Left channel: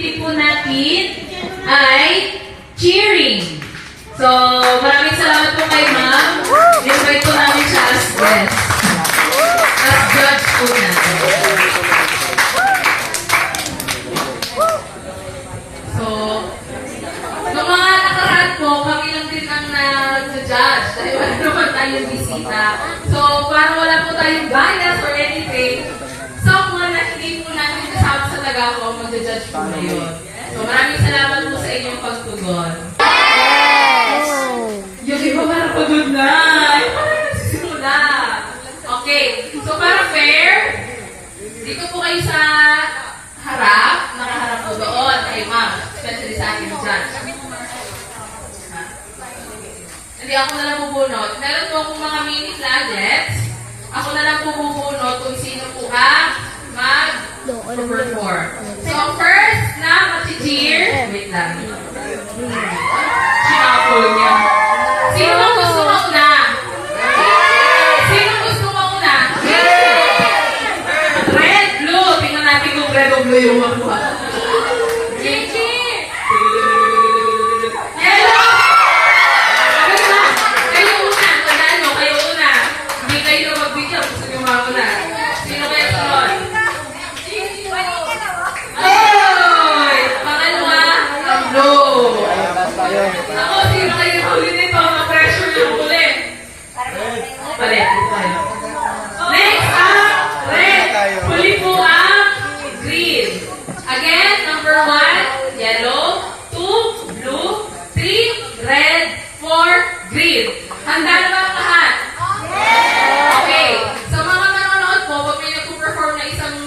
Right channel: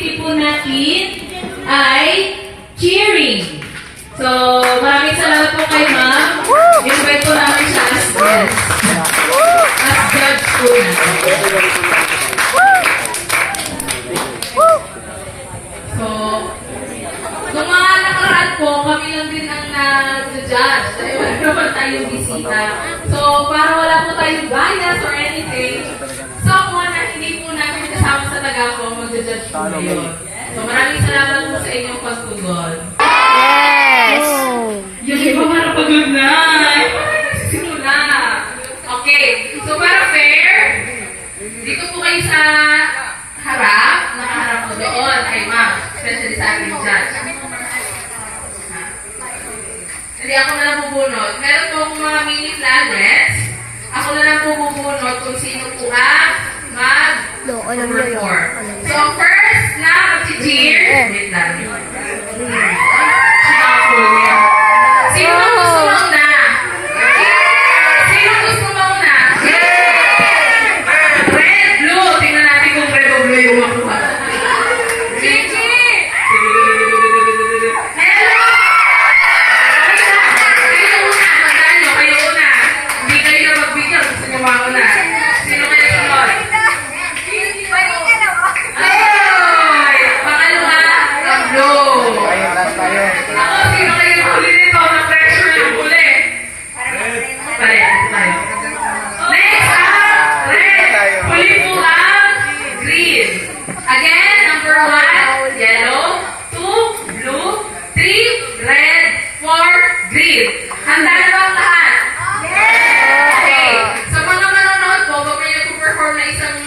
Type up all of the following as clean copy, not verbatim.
activity po natin ay cheering. So, maraming salamat po kay ma'am. Invite po namin siya as guest. As judge po natin. So, nung mga nakaraan po, kami lang din ang nag-judge. Dahil wala naman tayong bisita. So, para wala po tayong bias or anything, someone na hindi po namin kasama sa taga ko, mag-judge po ngayon. So, maraming salamat po sa inyong pagtugon. Yung iba parang pagod na. Yung parang nagsisimula. Okay. So, para fair, dito po kayo sa harap, nakaharap po doon kay ma'am, especially sa ating judge. Hindi ako na lang bubunot. Meron po akong mga mini flaglets. Ako na lang po bubunot kung sino po ang mag-perform. So, first na mag-cheer. Wait lang. Sinapol niya. Sino ang gusto mo na? Sino gusto mo na? Red, blue. Tingnan natin kung red o blue yung makuha. Gigi! Hello! Kayo una. Tandaan nyo, kayo una. Hindi kayo magbigyan. Gusto nyo mauna. Sino kaya sunod? Ay! Pangalawa, ang blue. Ako, sino kayo huli nito? Na-pressure yung huli. Palit. Next, red. Huli po ang green. Again, number 1, yellow. 2, blue. 3, red. 4, green. Handa na ba ang lahat? Okay. Sa mga nanonood po, pag may nag-perform na isang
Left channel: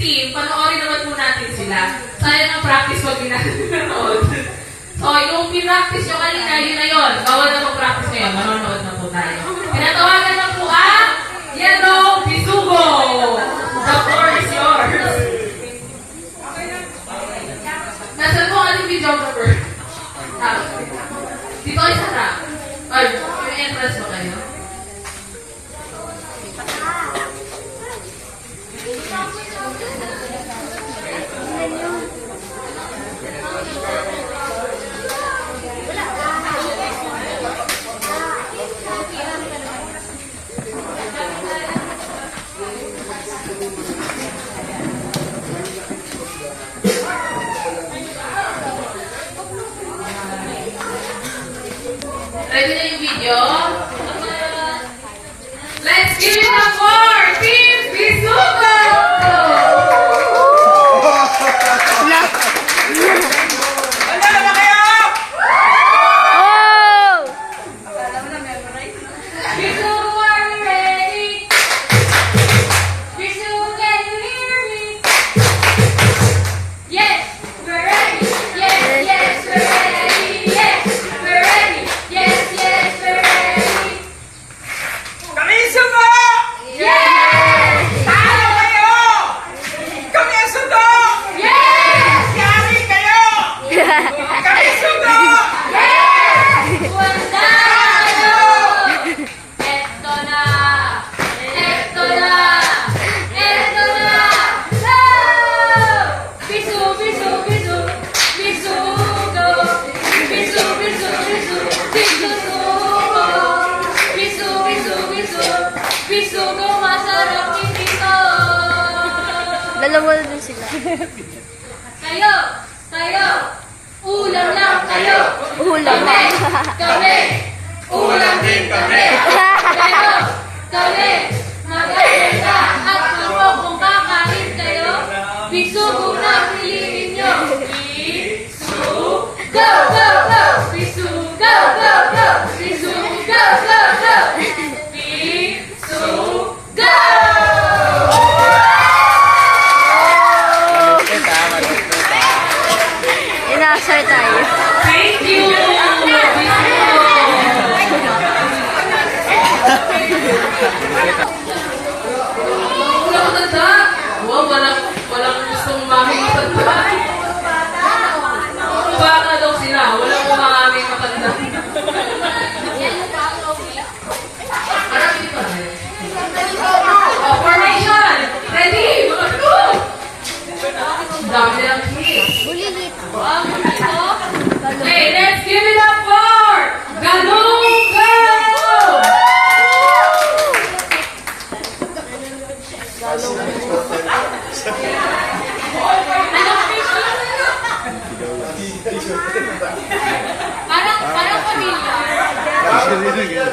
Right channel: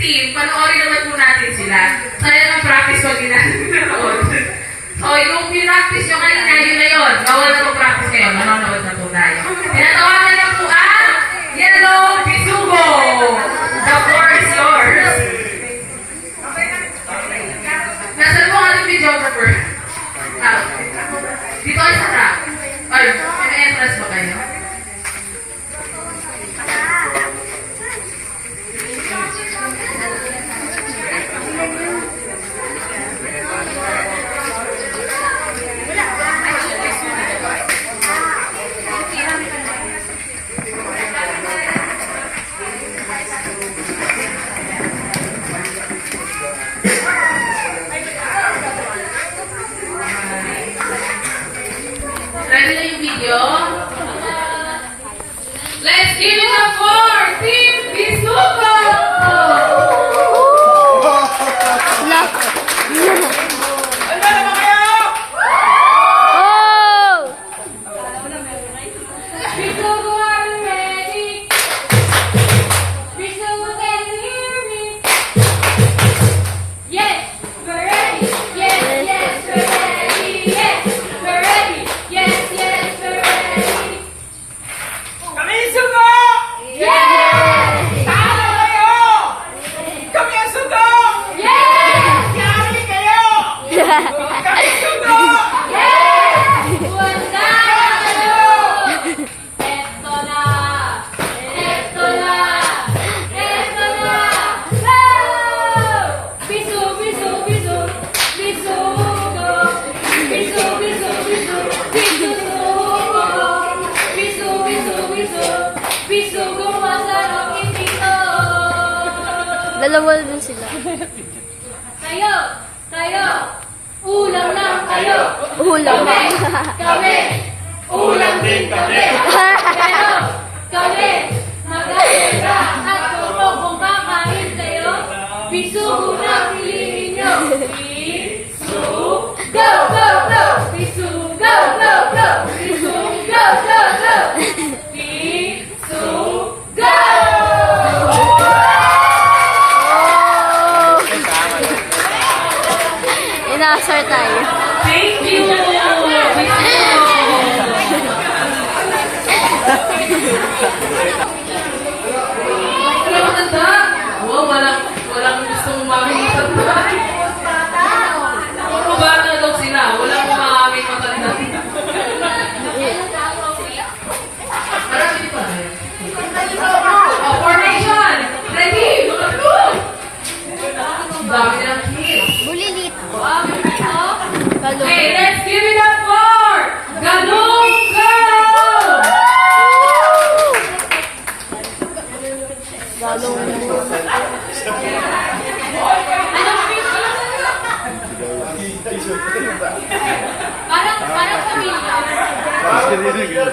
team, panoorin naman po natin sila. Sayang ang practice pag di natin nanonood. So, yung pinractice nyo kanina, yun na yun. Bawal na mag-practice ngayon. Manonood na po tayo. Tinatawagan na po ang Yellow Bisugo. The floor is yours. Nasaan po ang ating videographer? Dito ay sa track. Ay, may entrance ba kayo? Ready na yung video? Let's give it up for Team Bisugo! Bisugo, are you ready? Bisugo, can you hear me? Yes, we're ready. Yes, we're ready. Yes, we're ready. Yes, we're ready. Kami sugo! Yes! Talo kayo! Kami sugo! Yes! Yari kayo! Kami sugo! Yes! Wala kayo! Eto na! Eto na! Eto na! Go! Bisu, bisu, bisu! Bisugo! Bisu, bisu, bisu! Bisugo! Bisu, bisu, bisu! Bisugo, masarap ipito! Dalawa din sila. Kayo! Ulam lang kayo! Ulam. Kami! Ulam din kami! Pero kami! Mag-alala at kung kakain kayo, bisugo na piliin nyo! Bisu! Go! Go! Go! Bisu! Go! Go! Go! Bisu! Go! Go! Go! Bisu! Go! Inaasar tayo. Thank you! Wala maganda. Wow, walang gustong mamilipat ba? Bata daw sila. Walang kumamamit maganda. Marami pa na yun. Oh, formation! Ready! Mga tulog! Ang dami nilang kids. Bulilit. Okay, let's give it up for Galunga! Parang pamilya.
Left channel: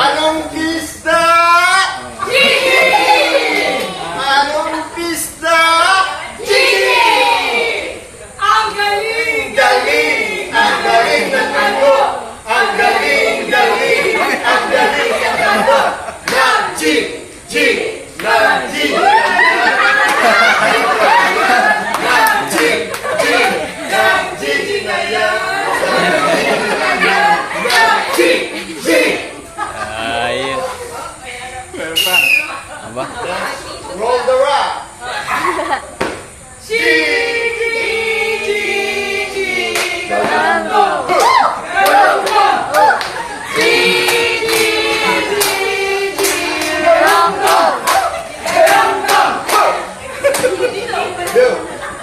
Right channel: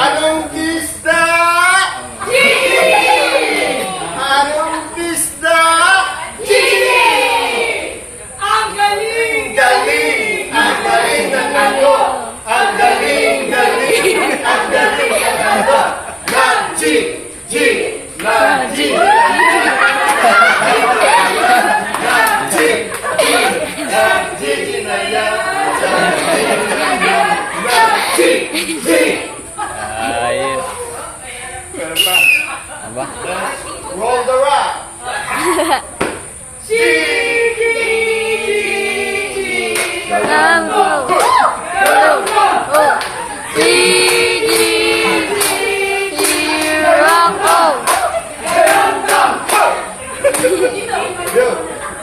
Anong isda? Anong isda? Ang galing! Galing! Ang galing ng ano? Ang galing, galing! Ang galing ng ano? Ng G! G! Ng G! Ng G! G! Ng G! Na yan! Ng G! G! Ayun. Aba. Roll the rock! G!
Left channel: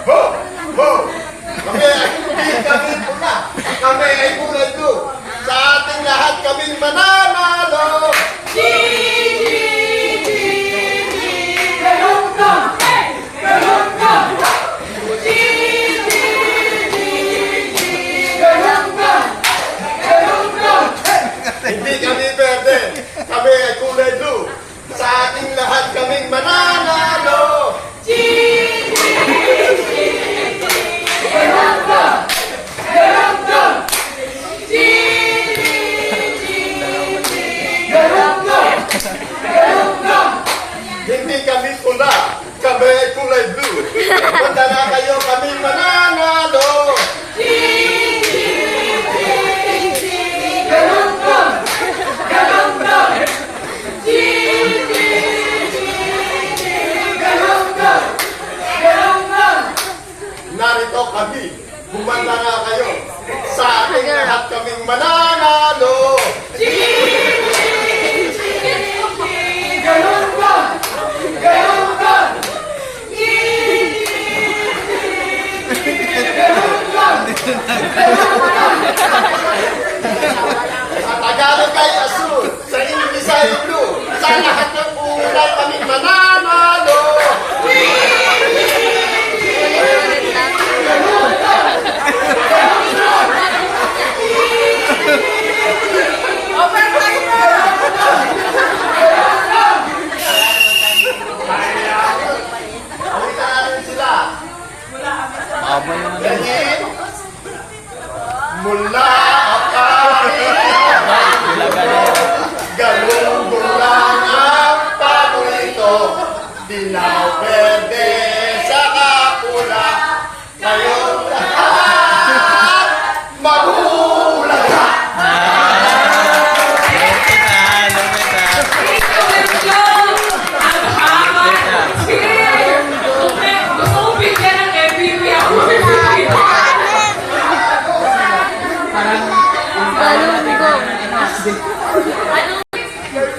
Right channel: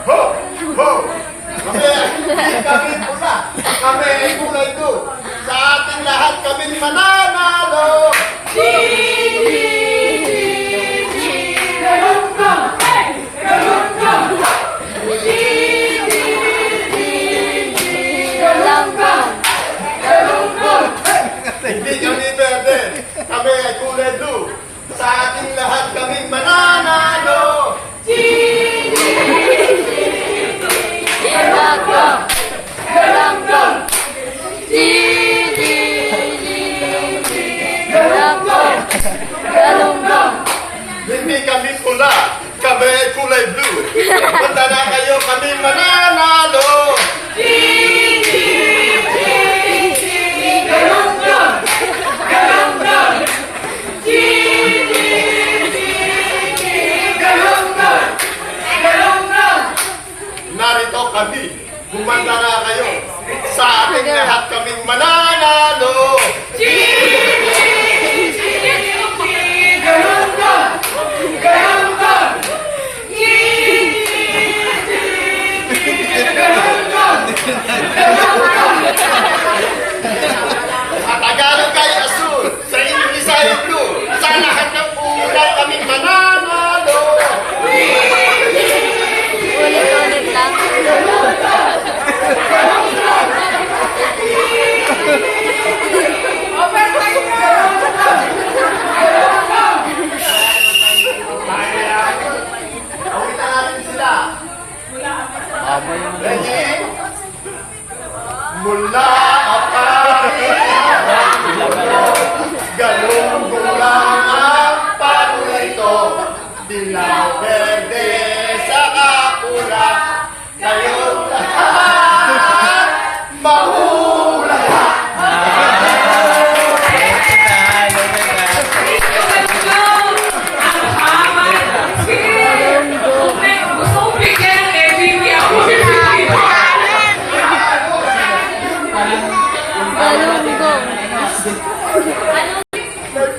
Ho! Ho! Kami pula. Kami ay kulay doon. Sa ating lahat kaming mananalo. Hindi kami pwede. Kami ay kulay blue. Sa ating lahat kaming mananalo. Hindi kami pula. Kami ay kulay blue. Punta na kayo kami mananalo. Narito kami. Bumanda na kayo. Sa ating lahat kaming mananalo. Sa Tagalog ay asul. Sa English ay blue. Sa lahat ng kulay kaming mananalo. Ulit-ulit lang. Awitan natin sila. Aba yung Ganyan. Mula kapatid. Galunggong lang ang paborito. Dilaw, verde, saka pula. Kayong lahat mahulaga. Gusto ko bigyan ng MVP ako. Galunggong.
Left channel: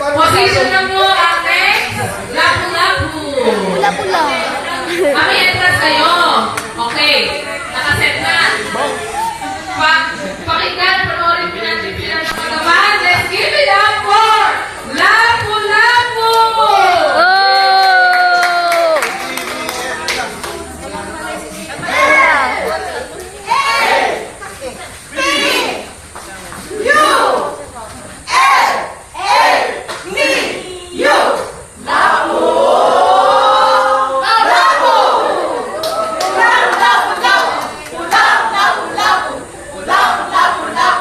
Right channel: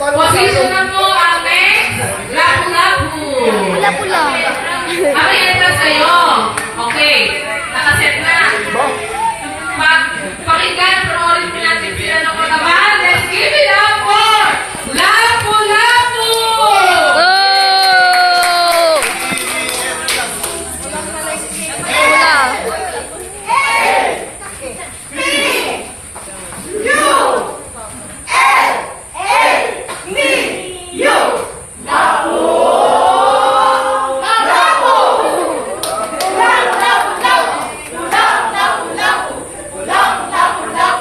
Position na mo ang next. Lapu-lapu. Pula-pula. Ang entrance kayo. Okay. Nakaset na. Pakinggan, panoorin mo natin sila ng patamaan. Let's give it up for Lapu-lapu! Oh! Pula.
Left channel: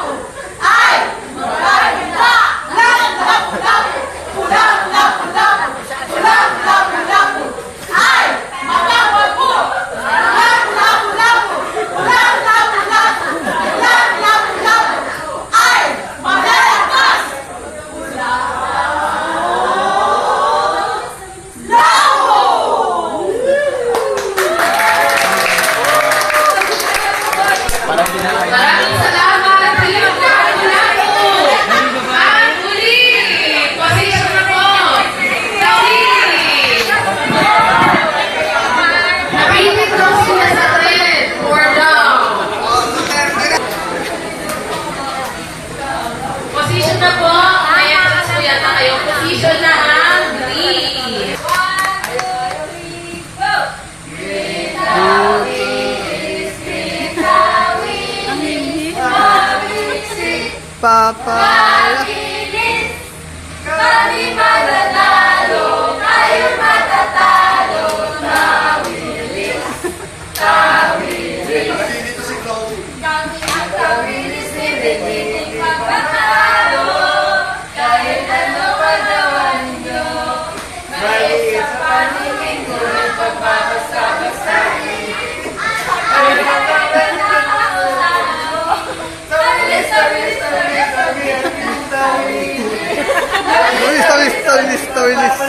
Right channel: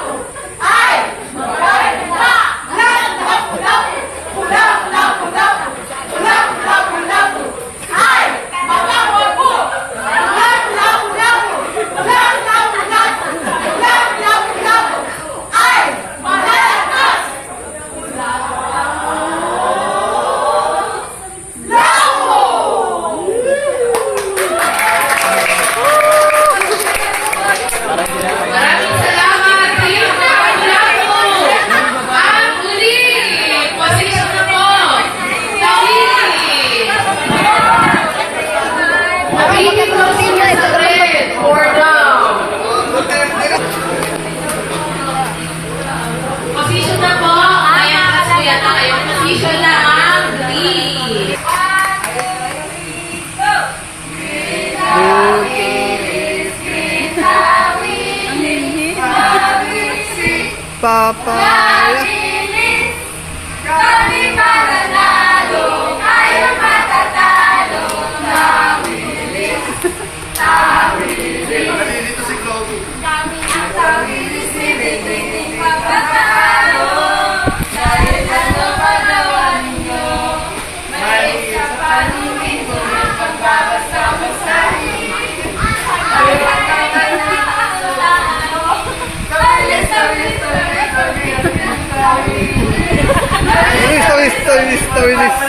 nagpapaya. Kami mananalo, kayo matatalo. Nalilito si Chloe. Tawilis ni Bibiting magpapalo. Dahil ano padawa ninyo, may sa paningin ko ng pagbabasama sa inyo. Ay, pagkakas na ako na ako. Tawilis, tawilis, tawilis, tawilis, tawilis. Tawilis, tawilis, tawilis, tawilis.